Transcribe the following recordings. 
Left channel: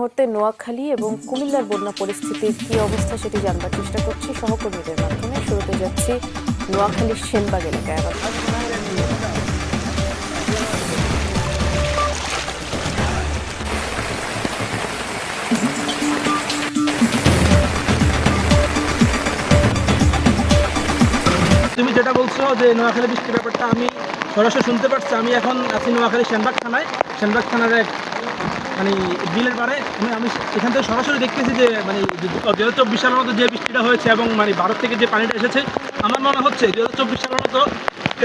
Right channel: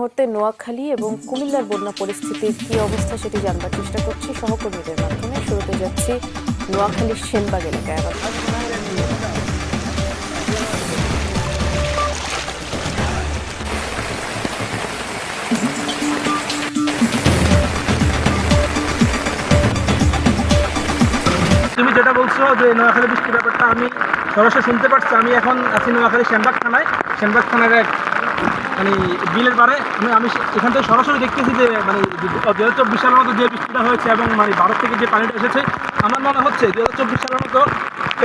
মুহূর্তে নোয়াখালী এবং কুমিল্লার বন্যা পরিস্থিতির কি অবস্থা সেটি জানবার চেষ্টা করছি সহকর্মীদের মাধ্যমে। শুরুতে যাচ্ছি নোয়াখালীর সেনবাগ এলাকায়। তুমি যেটা বলছো যে নোয়াখালী বৃষ্টির ব্যাপারটা আমি সরাসরি শুনতে পাচ্ছি। আমি এখন আছি নোয়াখালী সেনবাগ থানায়। সেনবাগ থানার এক মানে বিলের পারে আমি এখান থেকে সরাসরি দেখতেছি যে মানে 2024 সালের মতো যে বৃষ্টিটা হয়েছে এবং মানে ভারত থেকে যে পানিটা এসেছে, আমার মনে হচ্ছে 2024 সালের মতো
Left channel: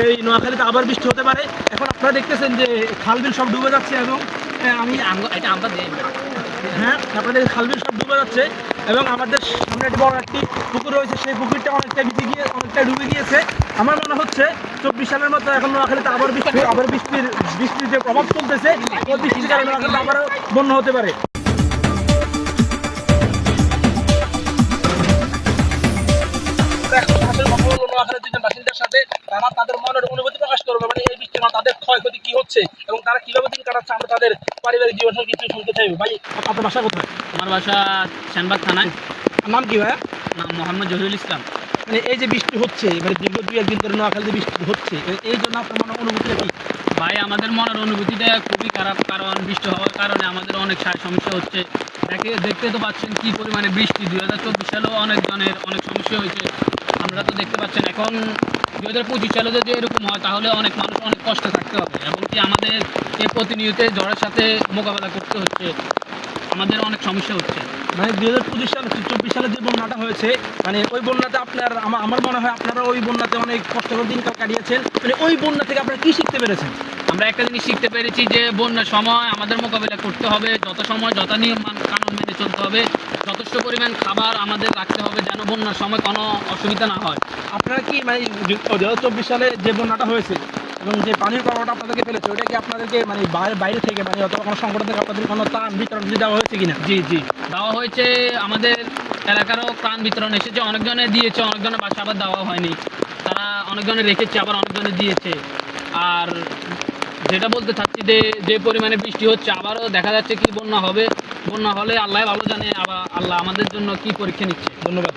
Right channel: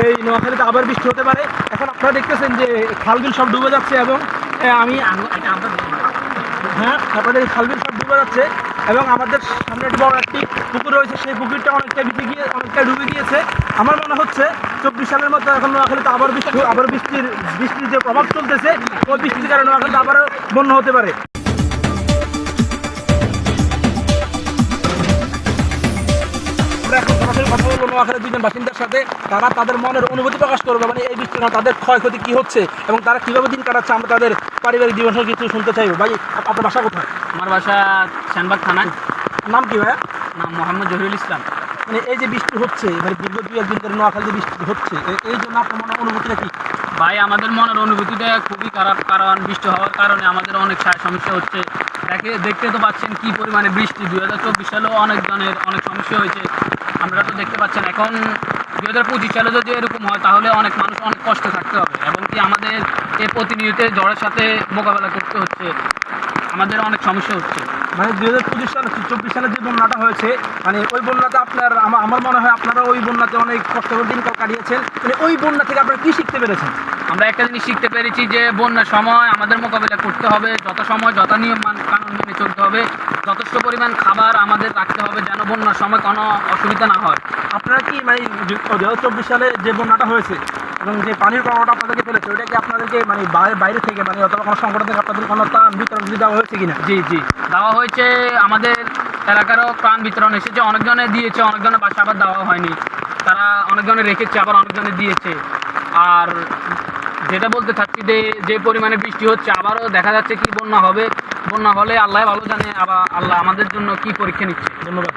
এই নোয়াখালীতে আবার বৃষ্টি হতে পারে। এখন আপনারা দেখতেছেন যে খালবিল সব ডুবে যাচ্ছে এবং হ্যাঁ, আপনাদের খালবিল সব ডুবে যাচ্ছে এবং আমাদের সামনে একটা বড় একটি পুকুর রয়েছে, সেই পুকুরটা অনেকটা ভিজে গিয়ে অনেকটা ডুবে গিয়েছে। আমার মনে হচ্ছে 24 সালের মতো এখন নোয়াখালীতে আবার বৃষ্টির যে প্রভাব চলতেছে, ওই বৃষ্টির কারণে নোয়াখালীতে আবারও বন্যা হতে পারে। নোয়াখালীর দুজন বাসিন্দার সাথে তারা তাদের মনের অনুভূতি প্রকাশ করবে, মানে এই বৃষ্টির কারণে তাদের ক্ষয়ক্ষতি কি হচ্ছে এবং তারা কিভাবে দিন কাটাচ্ছে। আমরা তাদের পারিবারিক জীবন কিছু শুনতে চাইবো। ভাই, আপনার বাসা কোথায়? আমার বাসা সেনবাগ থানায়। নাম কি ভাইয়া? নাম মোহাম্মদ জহিরুল ইসলাম। মানে এই যে বৃষ্টি হচ্ছে, মানে দীর্ঘ 2-1 দিন ধরে নোয়াখালীতে বৃষ্টি হচ্ছে, এই জন্য আপনার মনে অনুভূতিটা কি? ভাই, আমাদের মনের অনুভূতিটা খুবই খারাপ, কারণ বৃষ্টি হওয়ার কারণে আমাদের অনেক সমস্যা হচ্ছে। দেখতে তো পাচ্ছেন কি পরিমাণে বৃষ্টি। 2024 সালেও অনেকজনের অনেক সমস্যা হয়েছে, আপনারা তো দেখতে পাচ্ছেন। এখন 2025 সালে যদি এরকম হয় তাহলে অনেক মানুষ অনেক কষ্টে থাকতে হবে এবং কি আমাদের এই প্রতিনিয়ত ঝড়ের সাথে মোকাবেলা করতে হচ্ছে, আমাদের অনেক সমস্যা হচ্ছে। মানে 2024 সালে যে বন্যাটা হয়েছে, মানে ওই বন্যাতে আমার মনে হয় আপনারা ওই বন্যাতে অনেক কষ্টকর দিনকাল কাটিয়েছেন। মানে ওই বন্যা থেকে আপনারা কি শিখতে পেরেছেন? আমরা একটা জিনিস শিখতে পেরেছি যে বন্যার সময় আমাদের মোকাবিলা করতে হবে, যত নিয়ম কানুন মেনে চলতে হবে, যথেষ্ট পরিমাণ খাবার আমাদের রাখতে হবে যেন বন্যার সময় কোনো অসুবিধা না হয়। আপনারা কি মানে 2024 সালে যে বন্যাটা হয়েছে এবং যে পানির প্রভাবটা আপনাদেরকে ফেলেছে, ওটা কি আপনাদেরকে মানে বাইরে থেকে মানে অথবা কোনো সংগঠন থেকে আপনাদের কোনো ত্রাণ বিতরণ দেওয়া হয়েছে কিনা? জি দেওয়া হয়েছে। আমাদের এলাকারও ত্রাণ বিতরণ এসেছে, অনেকজনে দিয়েছে, অনেকজনের বাসা আবার দেওয়া হয়নি। তারা অনেকজনে রেখেছে, আবার অনেকজনে দিয়েছে। আর যেটা বলতে চাচ্ছি যে পরিমাণে বৃষ্টি হচ্ছে, আবারও দেখা যাচ্ছে কি বন্যা হবে। বন্যা হলে আল্লাহ ভালো জানে, আবার আল্লাহ আমাদের জন্য কি পরীক্ষা নিচ্ছে। ধন্যবাদ।